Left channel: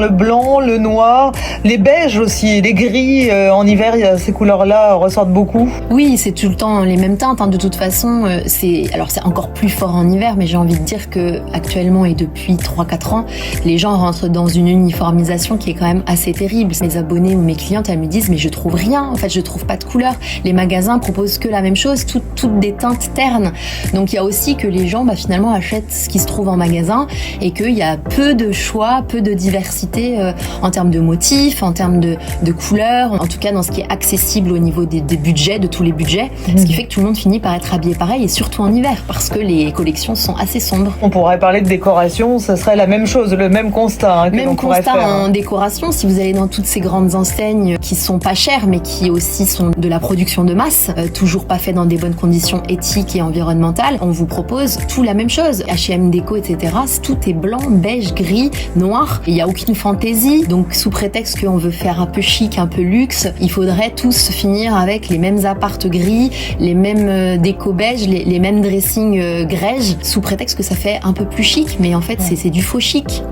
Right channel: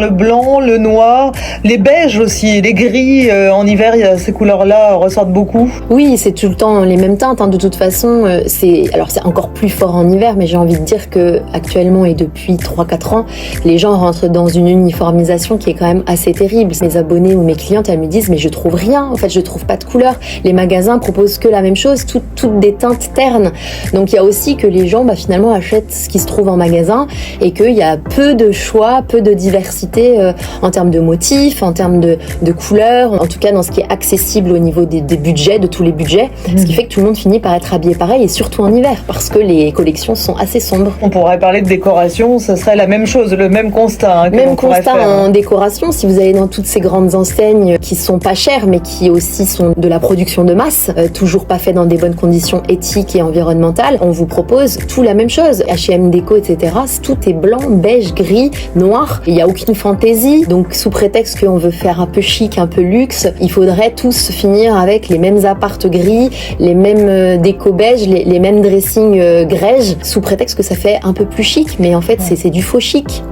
Le blanc, le noir, les beiges aussi, les gris. En hiver, ces couleurs-là ressortent beaucoup. Oui, c'est tout le temps les mêmes teintes. De toute façon, c'est encore plus fort en hiver, mais j'ai envie de dire que actuellement et depuis 3-4 ans, les gens rentrent dans une uniformisation qui est quand même assez terrible. Mes abonnés ou mes clientes, elles me disent mais je trouve rien. En fait, je trouve pas de couleurs. Les magasins proposent que la même chose, toutes des teintes ternes. Donc il y a aussi que les gens finalement achètent ce qui se trouve en magasin et qu'il y a peu de choix, peu de diversité en termes de motifs, en termes de couleurs, en tout cas dans ce qui est accessible au niveau des budgets, de tous les budgets, ce qui fait que tout le monde finit par être habillé pareil et surtout en hiver parce que les collections sont assez sombres. On pourrait parler de décoration, ça serait la même chose, le même constat. Même constat en décoration, si vous allez dans toutes ces grandes enseignes qui sont pas chères mais qui aussi sont de la production de masse, toujours pas fait dans des bonnes conditions éthiques et environnementales, on vous propose tout la même chose. H&M Déco, etc. Tout est blanc, beige, gris, noir. Il n'y a aucune fantaisie. Donc, sous prétexte qu'on veut faire un peu chic, un peu luxe, il faudrait tous finir avec les mêmes appartes gris, les mêmes déco beige, les mêmes dressings grège, sous prétexte que ça fait un peu plus chic. Mais en fait, c'est du faux chic.